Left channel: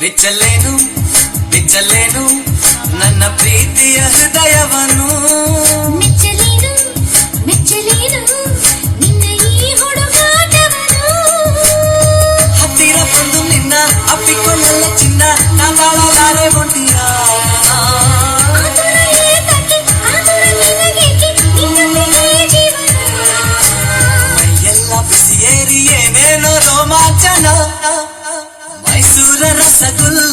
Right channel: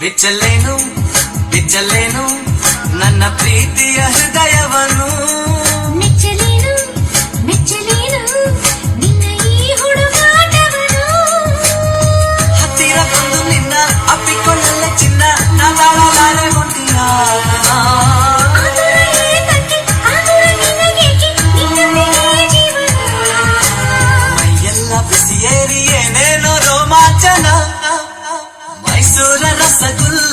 ಬಿಚ್ಚಲೇನು ಬಿಚ್ಚಲೇನು ನನ್ನ ಪ್ರೀತಿಯ ಹೃದಯವನ್ನು ve rasa you.